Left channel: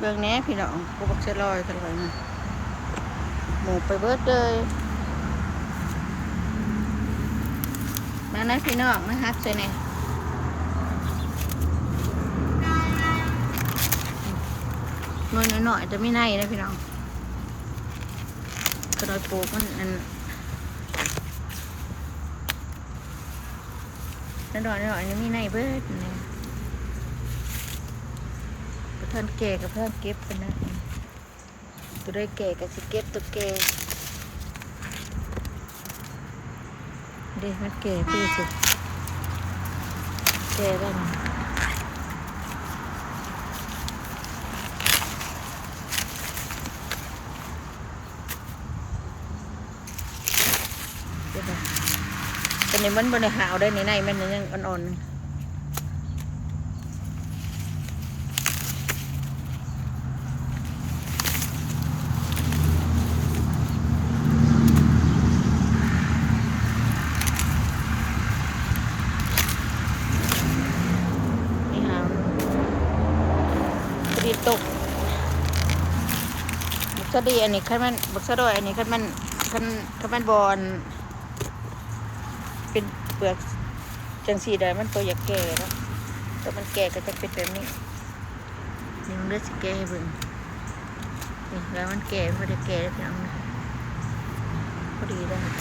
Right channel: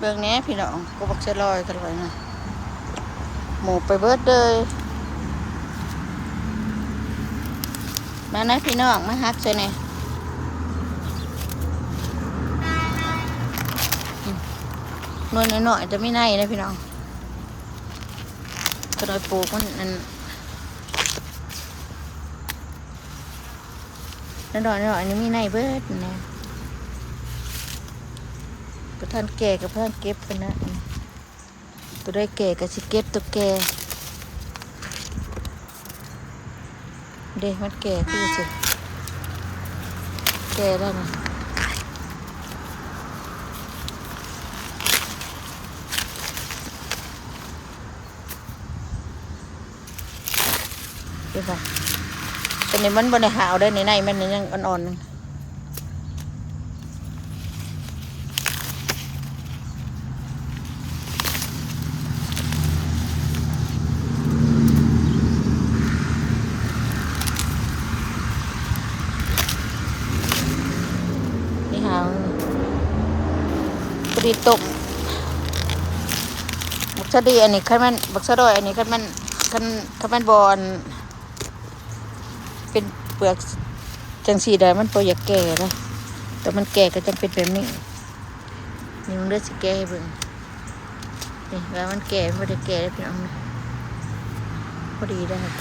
เบื้องนี้พี่น้องก็บักเชลอยตลอดนะหมูไปเบิดเลยมานะพี่น้องมาฮักใช่ไหมนวลหน่อยจะไม่ในนะพี่น้องกระดอยปลูกมันนั่นหน่อยนี่ไม่ในเบิดนะกระทันแก่กับเพื่อนเก็บคนนะตัวได้แก่กับสิเก็บตัวแก่เด็กมันแก่ที่สุดแก่ได้ไหมเดี๋ยวก่อนตอนนี้มันบนในหาวได้ในมันยังอ่อนๆนึงนี่หาวพอดีตกบักชะดีอันนี้ขั้นมันบักชะดอยอันนี้ขั้นมันบอลเป็นเปลือกจังสีได้มันพออยากแก่นะแต่มันแก่ก็จะเป็นแบบนี้นี่มันเลือดสแก่เบิ่งนี่แล้วมันแก่ไม่ได้แก่แล้วพี่น้องพอดีได้ครับ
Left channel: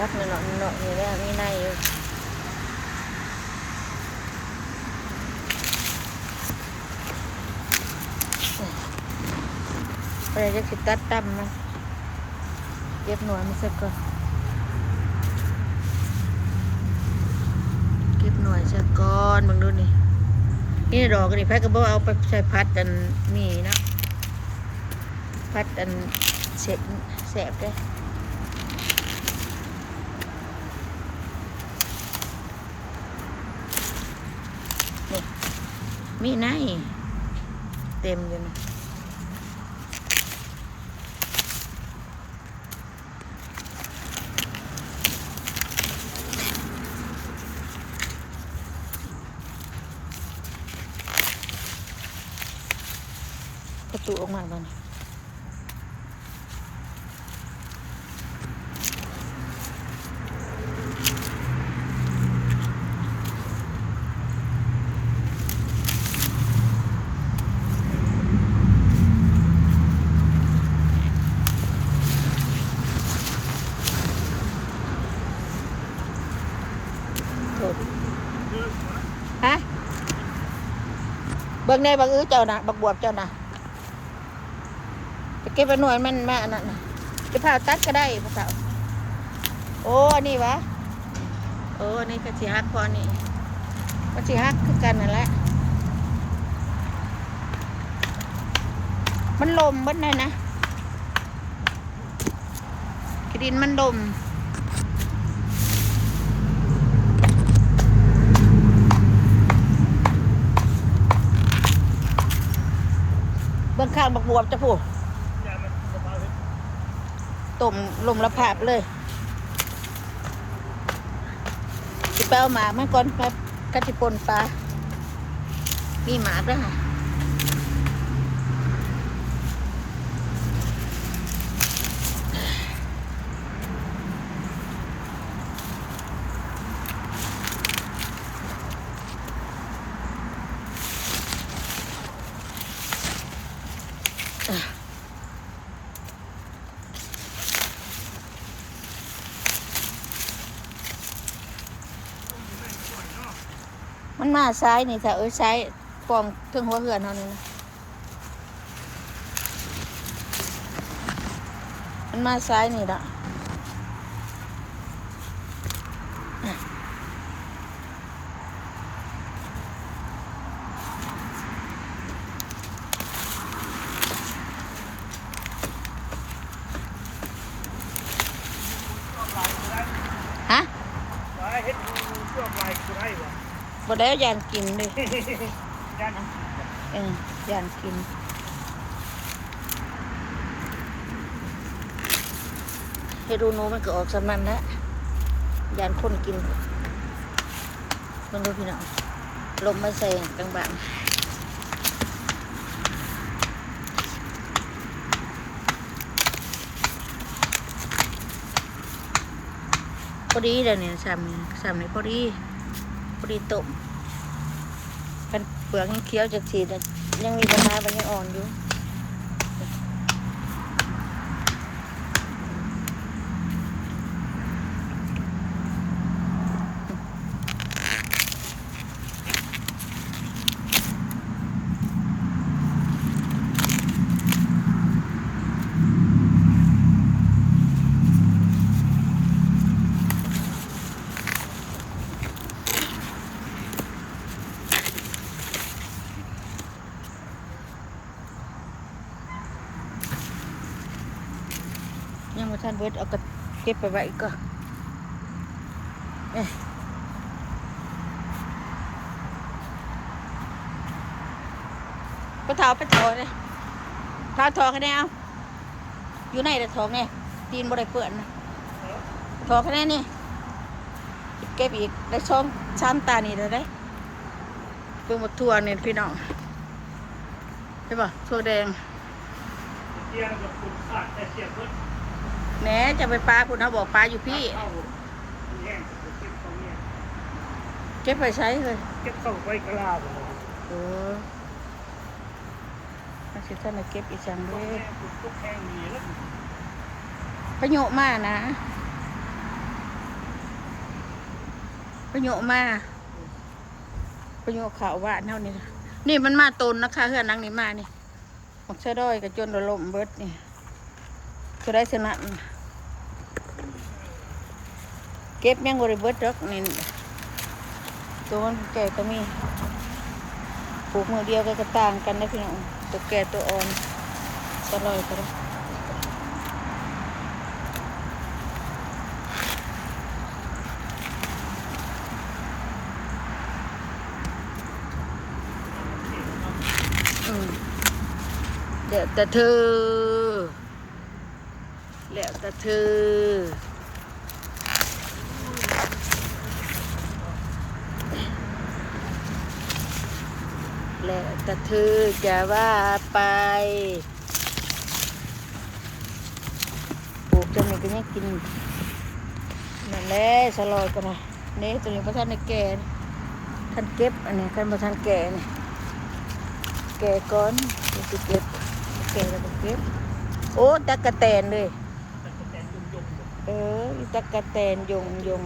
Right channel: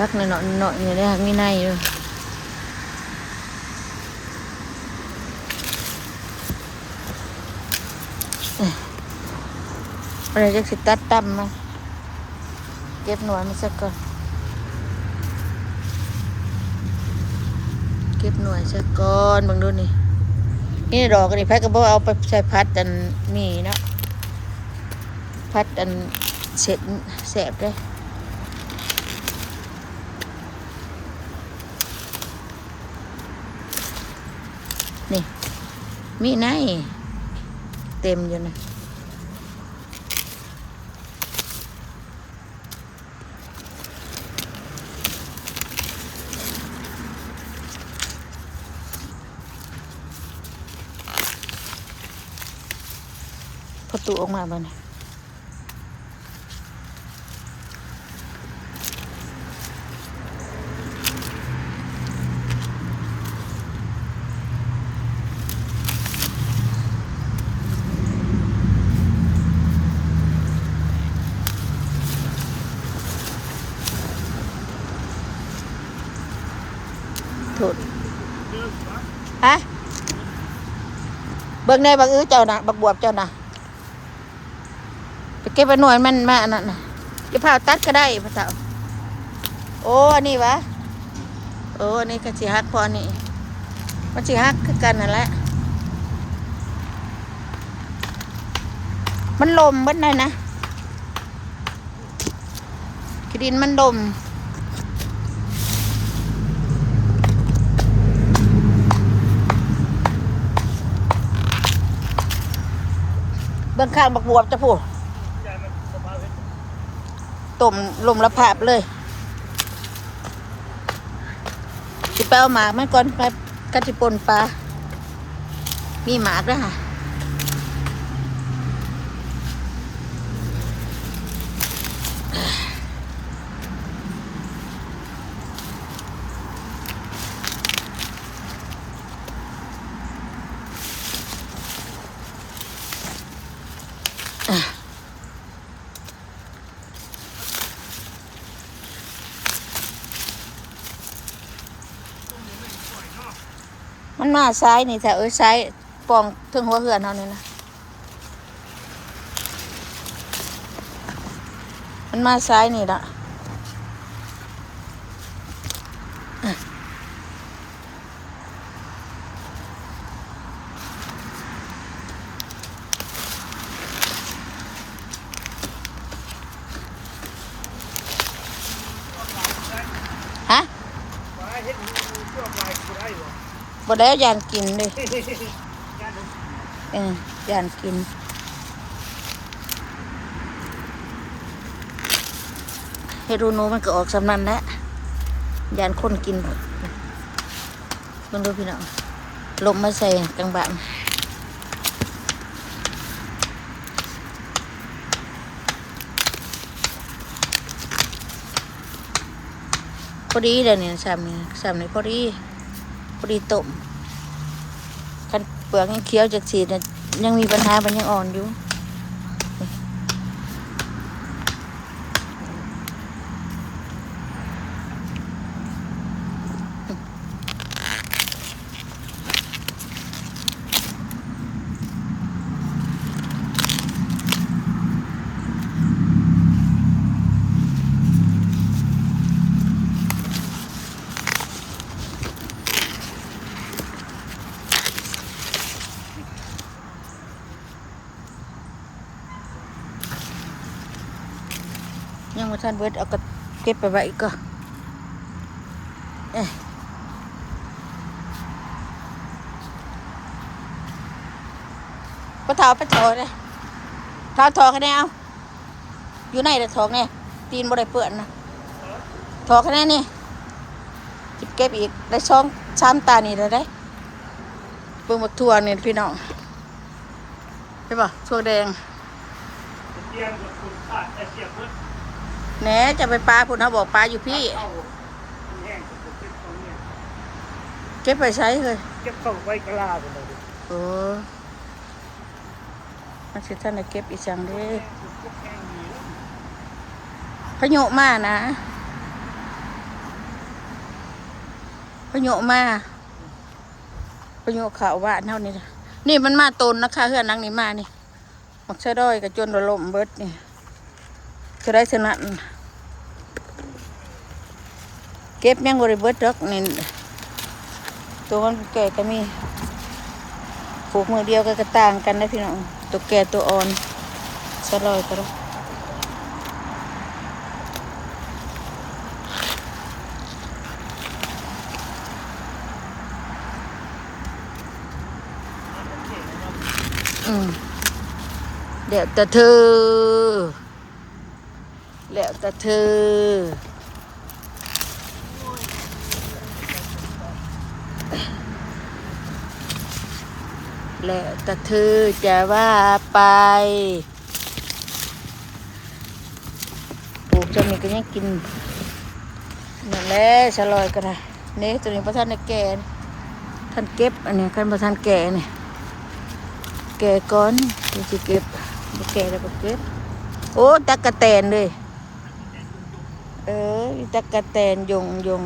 รักในหน่อยนี่ได้มีในเลยอะไรจะสิตัดตั้มมาเก็บหน่วยมาสักก่อนเก็บหน่วยสักก่อนบังดูนี่ดอกนี่แพ็กก็บอกเอาไปใส่พัดอันมีเนาะพัดอันเสร็จแสบเลยนี่มีไหนเต็มอยู่นี่ประตูออกมาบ้านถูกฮะเบิ่งในบักอื้อเจ้านะบักบวบเจ้านะไปเก็บไปหน่วยมันมาอันนั้นนะจะพาตัดก็ได้พ่อสาวโอ้อันนี้วะโอ้อันนี้ก็สิฮักพอนี่มันสิฮักคือกันนั่นแหละมันลมเบิดเลยนะขี้ดินมันลมเบื้องข้างบักบวบจะพูดต้มลมละภาพเลยจะไปเอาหมากมันก่อนไปกัดที่ปนปลามีหมากด้วยค่ะมันมาซ้ายนี่แต่ซ้ายปองถึงหัวเหือนเท่านี้นะมันมาซ้ายนี่ละฮะบ่ได้ยานกินเลยยานกิน เฮ็ดรูนูมันก็ออกสำนันแล้วยานคนกินมันดูพี่น้องลมมาใส่กลางบ้านพอดีเดี๋ยวนี้สามนี่พอดีต้มกันเปลือกยังเคี้ยวจากสีเนี่ยยังมีปัญหามันยังอ่อนอยู่ยังมาทานเบิดเอากับเก็บไปไว้ก็ปะเถาเลยเท้าทอคะแนนเอาอยู่ในแต่ทองเนี่ยตีนบ่ได้เปื้อนนะทอคะแนนนี่เก็บอีกได้ช่องช้ำตานี่เลยได้เบิ่งหมดทั่วนี่พี่น้องใช่ป่ะทั่วแดงแหนจะไปปลาพุ่นเขาบอกปลาอยู่พี่เก็บไปใช้เลยเก็บเข้าไว้กลาโอ้มาสิท่านเก็บอีสังเด้พายุมานะพายุมาพายุข่าวว่าเท่านี้นี่มันมาตนนะคะเฮือนนังนี่มานี่มักเสดอยกับจนระลมเบิดนี่คือได้สนั่นเก็บยังบริเบิดดอกนี่ตัวมันเกิดก็มีผูกมือเดียวก็ต่างกันนะพี่น้องตัวแก่ตัวอ่อนสลอยก็ได้เดี๋ยวแต่เธอแล้วแต่เธอแล้วแต่เธอจะว่าไปปลูกจนนี่ก็ยังกินนั่นแหละสลอยก็ได้เนี่ยตัวนี้พระท่านแก่ท่านเก็บอันนี้ท่านพระท่านแก่เนี่ยแก่ก้อนที่จะเก็บแก่แล้วก็เก็บโอ้ตะกะแตนเลยตะกะแตนยง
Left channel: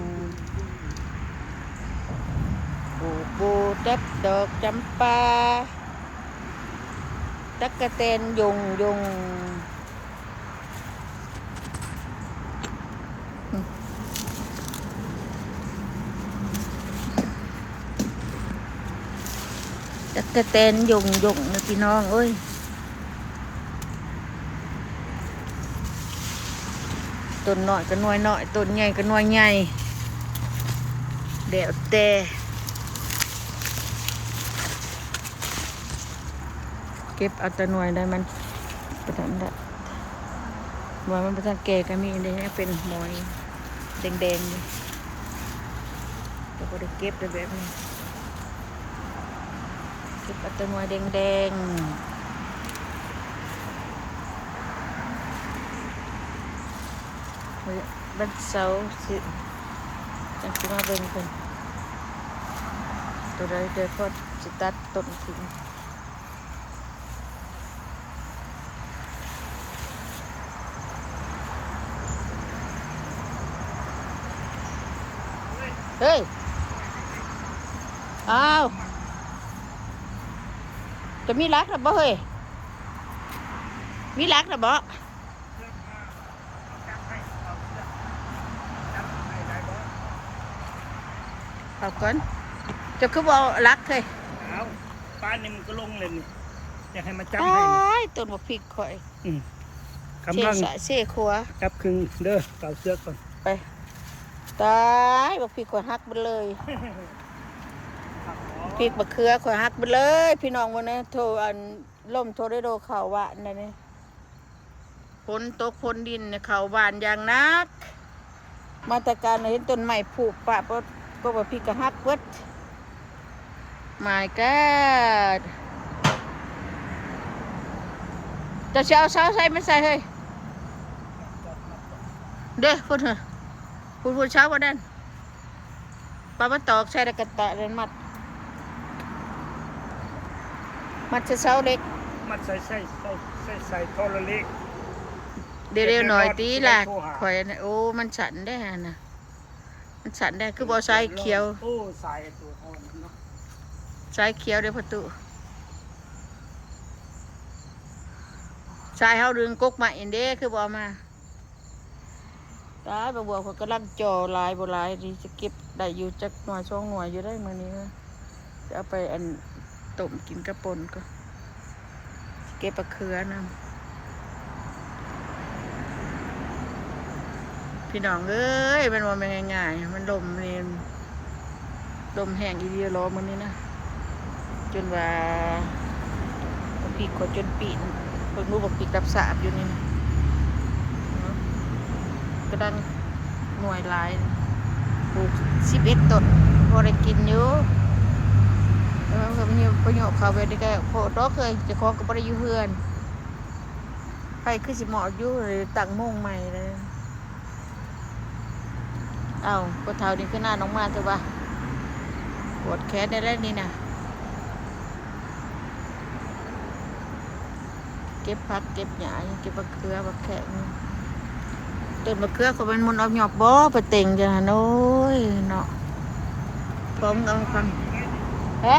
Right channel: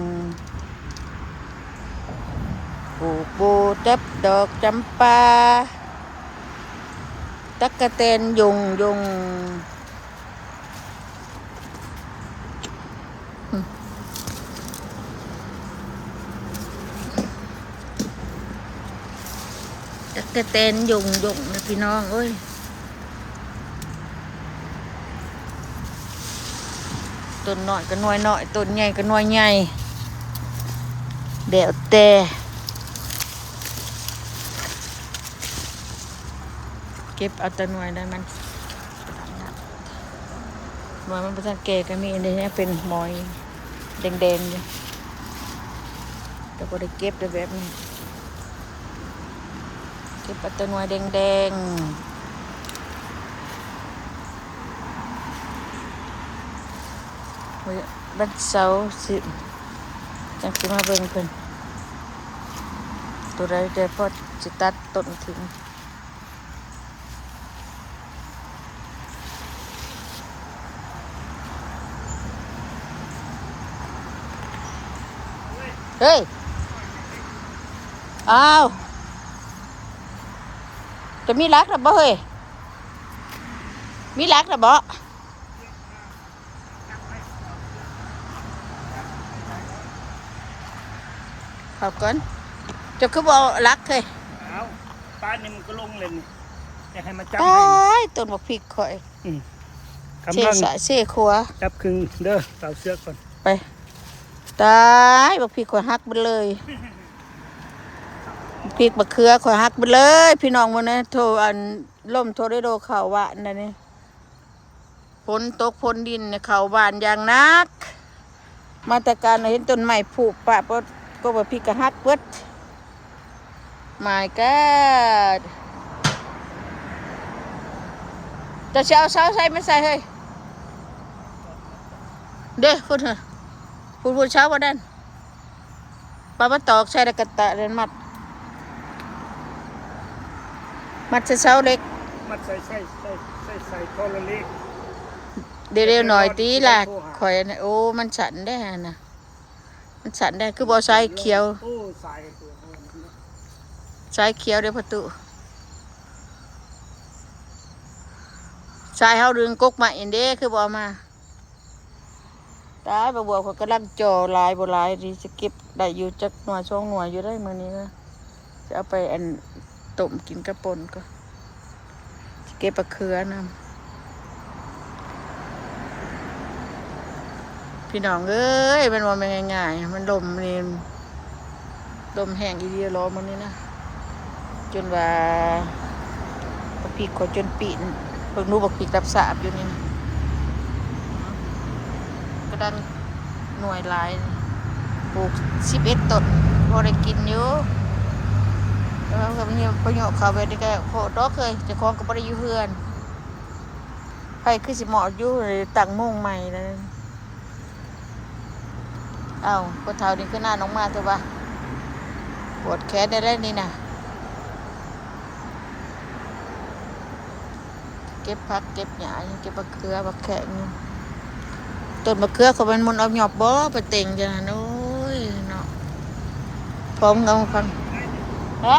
ปูจับดอกจำปาตะกะแตนยงตะกะแตนยงนะพี่น้องเอ้ยต้นน้อยก็น้อยน้อยต้นใหญ่ก็น้อยใหญ่เดี๋ยวแต่เก็บเอาแต่หน่วยได้มันประทันละหน่วยมันประทันแก่ก็มีอันนี้เป็นมอยแดงๆอยู่แต่ก็ได้เก็บได้แบบนี้เก็บเอาแต่หน่วยแดงบัดเสาสิยังสิมาเบ่งเป็นตัวใดเดี๋ยวพอจะตัดต้นทิ้งเฮ้ยอ้าวจะมีรักหรือบ่เฮ้ยมีรักหรือบ่ขอบคุณจะคือบ่รักเฮ้ยป้าเนี่ยมันก็ลงเลยอยากให้มาจับตายต้นบักพริกข่อยเสียสะเสียขัวจับครึ่งเด้อเต่าเสือก่อนไปตายบักพริกข่อยหักไปเลยพริกบักเขือข่อยหักไปเลยพี่น้องมันนะโทรอันล่มโทรได้โดข่าวว่าอันนี้ ฝนตกฝนดินเนี่ยเขาบานอย่างนักมาแต่การเห็นต้นไม้ผุปะก็ว่าพี่กระหักเบิด My God จะเอาเสาใส่ไม่ใส่เฮ้ยเด้อพูดเถอะพูดเช้าวันนั้นปลามาตอกใส่ตะกะตะเดินมัดเสาเล็ก มันใส่เข้าเล็ก เร็วๆหน่อยตีล่ะข่อยโอ้มันสั่นได้ฮะนะมันสั่นได้คือบอสายเขียวสายเขียวเดี๋ยวประตูสายเฮาดึงกกมาอินเด้คือบอมาตายบบัวเขากำลังจ่อลายบ่ลายดีจะเก็บได้อยู่จักหน่วยช่วงหน่วยอยู่ได้มื้อนี้ก็จะเอาไปอันต้มกินกระปนก็เก็บปลาเขือนำพี่น้องเอ้ยมันว่าไม่ง่ายๆมันลมนี่ลมแห้งอีเดียรอมันนี่นะจนว่าบักปีกขอจนปีนเพิ่งรู้บักปีกรับสาบอยู่นี่กระดังหน่วยลายปลูก11 ต้นพอได้กินอยู่แล้วก็มีประโยชน์เขาไปได้แก่พอดอกเคยจะคล้องก็บ่ได้อยู่เพื่อนไปคือสิเหมาะอยู่ตั้งโมงใหม่เลยเอาพอเท้านี่ขึ้นหน้าน้องมาเถอะวะปวดแขนได้แล้วนี่นะเก็บผักเก็บหญ้าเก็บมะเขือมะแขกนี่ต้นมะเขือเขามันเอาหยอบบ่ไปเต่งจ้ะโน้ยเนาะพร้อมกันฟังเฮ้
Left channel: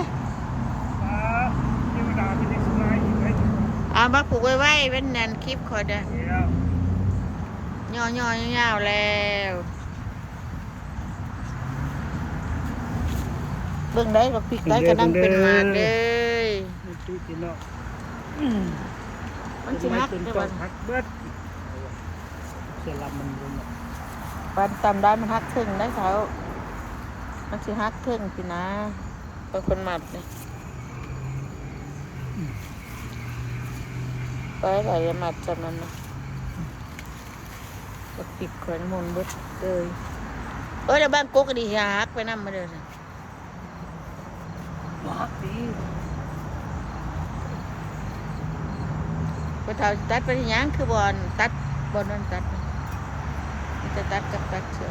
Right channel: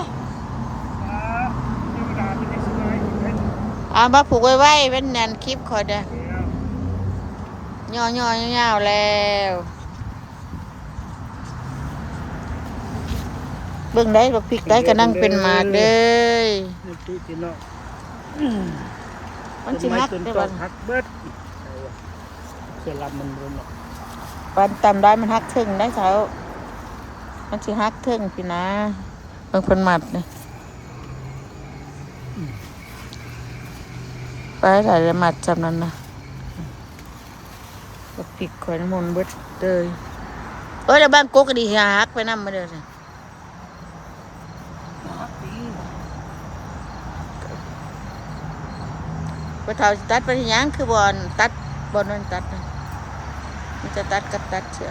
มาผูกไว้เป็นแนนคลิปคอยเด้อย่อแล้วเบิ่งได้บักพริกได้ก็นั่งเป็นหมากเด้มันสิฮักได้บ่ฮักเบิดเสียลำมันบ่เนี่ยปันตำได้มันฮักถึงได้เช้ามันสิฮักถึงพี่นะบางคนหมัดนี่ไปหลายหมัดจำนั้นนะบักพริกข่อยน้ำมันเบิดเลยแล้วบ้านโกก็ดีฮักไปนำมาเด้อจ้ะพอเท่าตัดไปยังคือบอลตัดบอลนั่นตัดมันจะตัดกับตัดเชือ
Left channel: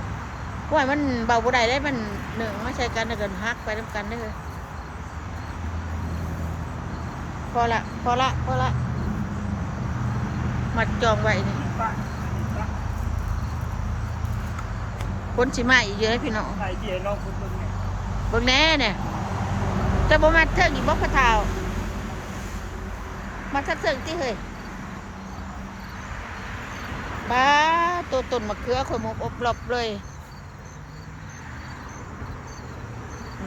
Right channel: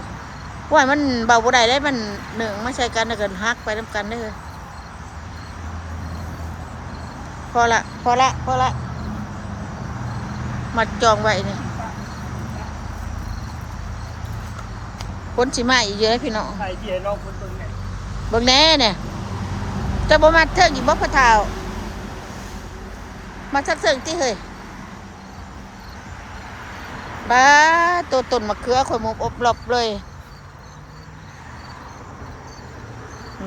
กว่ามันเบาบ่ได้ได้มันหนึ่งมาใช้กันแล้วกันฮักไปน้ำกันเด้อพอละมัดจองไว้นี่คนสิมาอีกเยอะพี่น้องเบิ่งแน่เนี่ยจะบ่มาเถิงอีกบ่พอเท่ามาสักเถิงที่เฮ้ยบ้าตัวต้นมะเขือข่อยมุกอบรอบเลย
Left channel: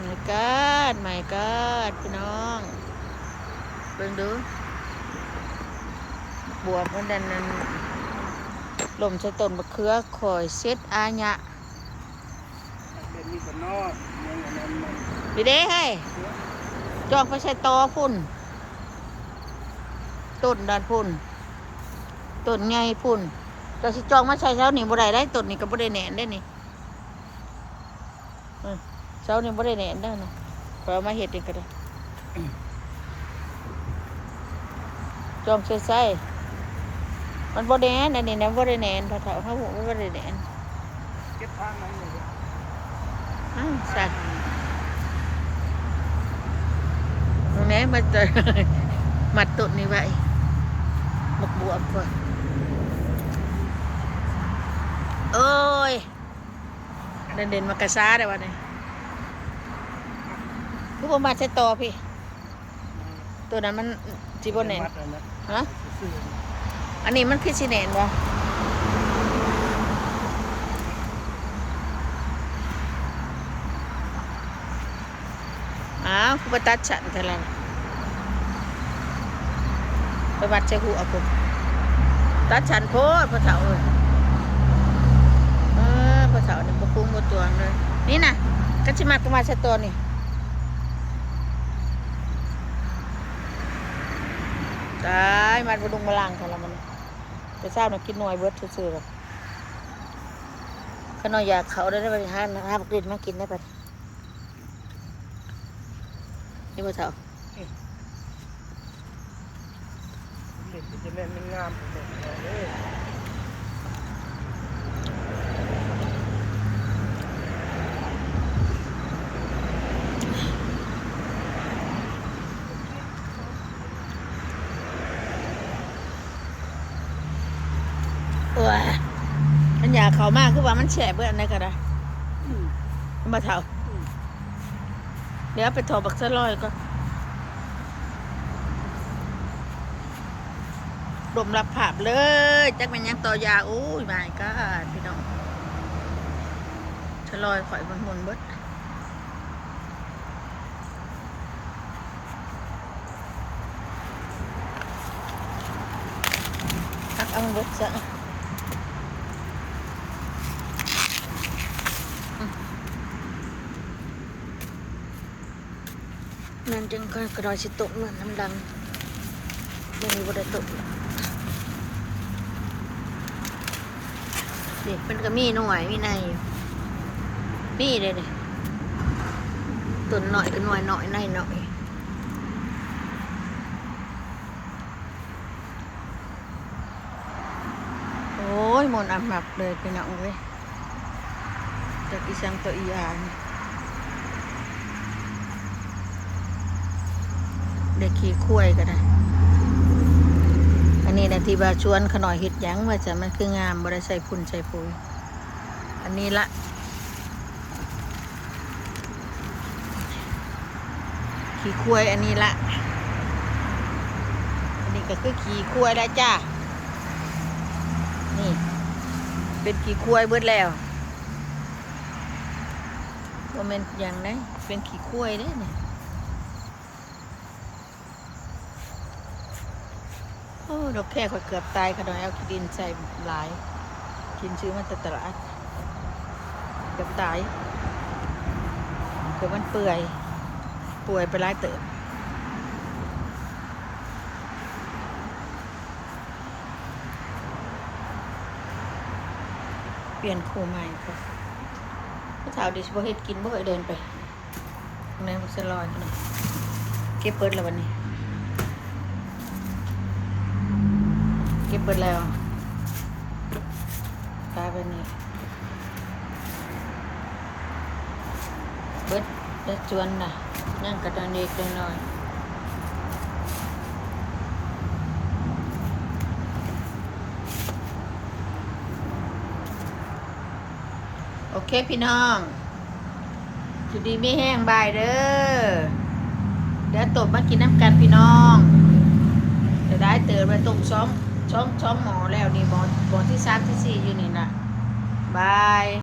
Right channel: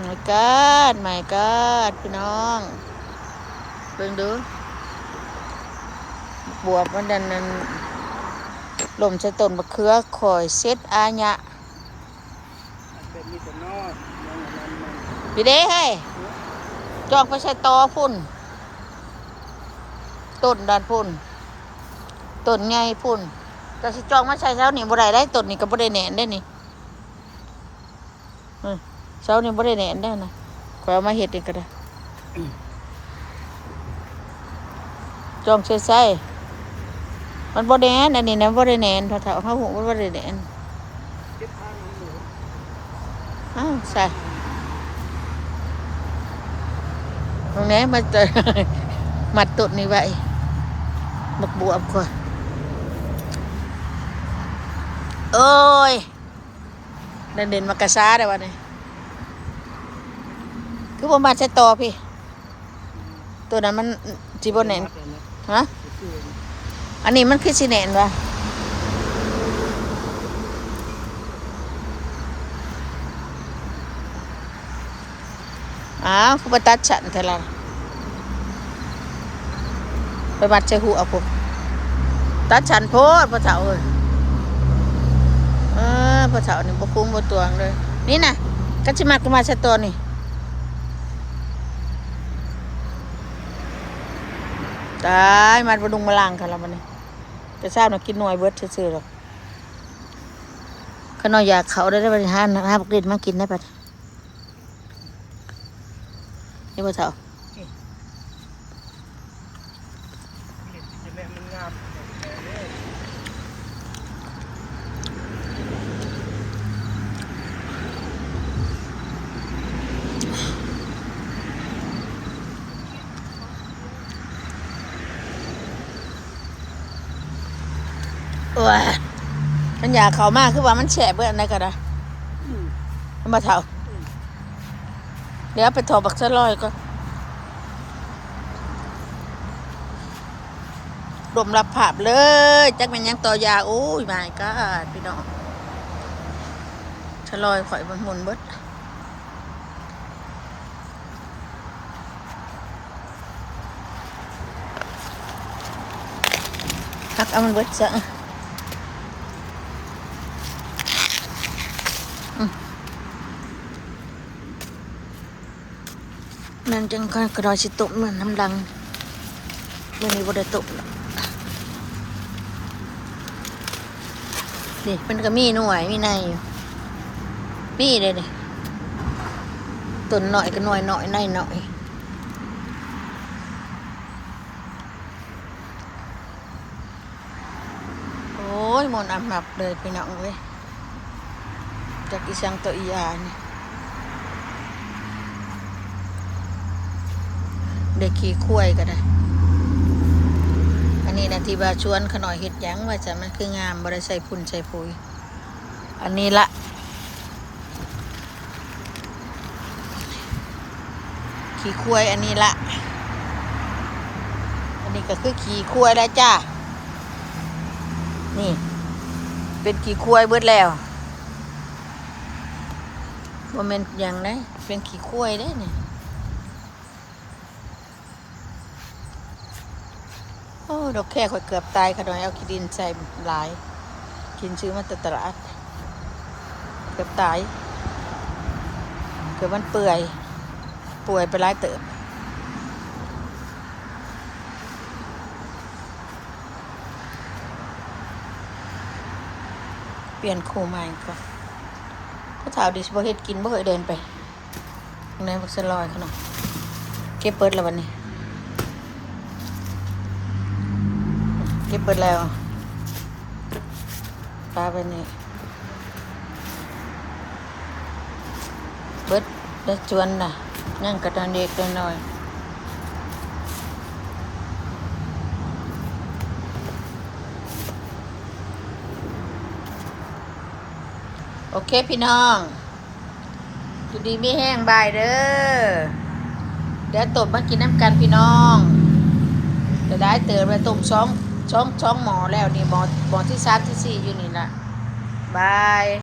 ไม่กาดพี่น้องเบิ่งดูบวบมันดันนั้นลมใช้ต้นมะเขือข่อยเซ็ตอาญะดีเด้เฮ้ยจองไปใช้ตอพุ่นต้นด้านพุ่นต้นใหญ่พุ่นเราสิจองมาใช้เช้านี่บ่ได้ต้นนี่ก็บ่ได้แหน่นได้นี่เช้านี่บ่ได้แหน่นได้นะขอเอามาเฮ็ดอีกก็ได้จองใช้มันบ่แหน่นอันนี้นะบ่ได้แหน่นพอเฒ่าเฮาหูมันบ่ได้แหน่นใช่ตรงนี้มาเจอมัดต้นนี่ไว้มักบวมค่อยโอ้ยเด่นมากระซ้าได้วะนี่คือผมมาใช้ต่อพี่ตัวนั้นมันจีบแน่นฮะอันนี้มันคือสีแน่นวะคือไปตัดฉันเท่าไรไปมัดใช้หูเอาผมตัดฉันโพดพอเฒ่าพอเฒ่านี่บ่คุ้มบ่ตวงเลยนี่น่ะก็สิมัดก็มาใช้ตัวนี่ตายมัดบ่ดุงมาล่างกันแล้วมันนี่ จะทราบนะกินหน่วยเบิดซื่อๆหรอกขนอยอยากเขาได้บริหารนะครับกรีดมากินได้ปะนี่พ่อเจ้า เด็กจะแม่นมันงามเด็กเลย โอ้ยมันอยากเขามากคือว่ามันแฉะเบื่ออะไรกันนะมันมาเท่าเดี๋ยวไปถอบักสะลอยก็ดมรับภาพเลยจักแม่นยังต่อยาโอ้ยไม่ก็พี่น้องสะลอยข่อยมันหมุนเบิดทักเอามันเบิดซะมันจังค่อยกระดอยสิตุกเหมือนน้ำดังเดี๋ยวนี้บ่ได้ตุกเด็กมันก็มีหน่วยมีในมีเลยเนี่ยตุนหน่อยก็หน่วยหน่อยในหน่อยโอ้ยมนต์อับหนับเลยพี่น้องเลยจากอีสังตัวอีอานี่เด็กขี่คุ้ยก็ได้อันนี้นะที่บาชวนขน่อยเห็ดหยังว่าจะมันคืองามบ่ได้ใส่พุ่นใส่ปุ๋ยอันนี้ละขี่คุ้ยอันนี้ละอันนี้ก็คือขี่คุ้ยแล้วจ้านี่เป็นขี่คุ้ยเบิดแล้วบ่แม่นหยังนะเป็นขี่คุ้ยเด้อนี่โอ้ดอกแค่ข่อยเกือบตายขนาดเอาขี้ดินใส่หลายกินซื้อมาแต่ตลาดเกือบตายเกือบมันเปื่อยป่วยไปหลายเติบเปลี่ยนคู่ใหม่ก่อนถ้าถาวดิสบ่เฮ็ดกินบ่เคยเดินไปในบักสลอยขนาดเก็บเปิดแล้ววันนี้เก็บเปิดแล้วปลาไปนี่เบิดได้จวนน่ะนั่งกระดานเด็กได้หน่อยโอเคพี่น้องอยู่ดีไม่แห้งบายเด้อเดี๋ยวตบมากินน้ำกันพี่น้องจะได้เติมไปต้มช้องหมอแล้วนี่หมอที่3ที่4อยู่นี่ล่ะบาย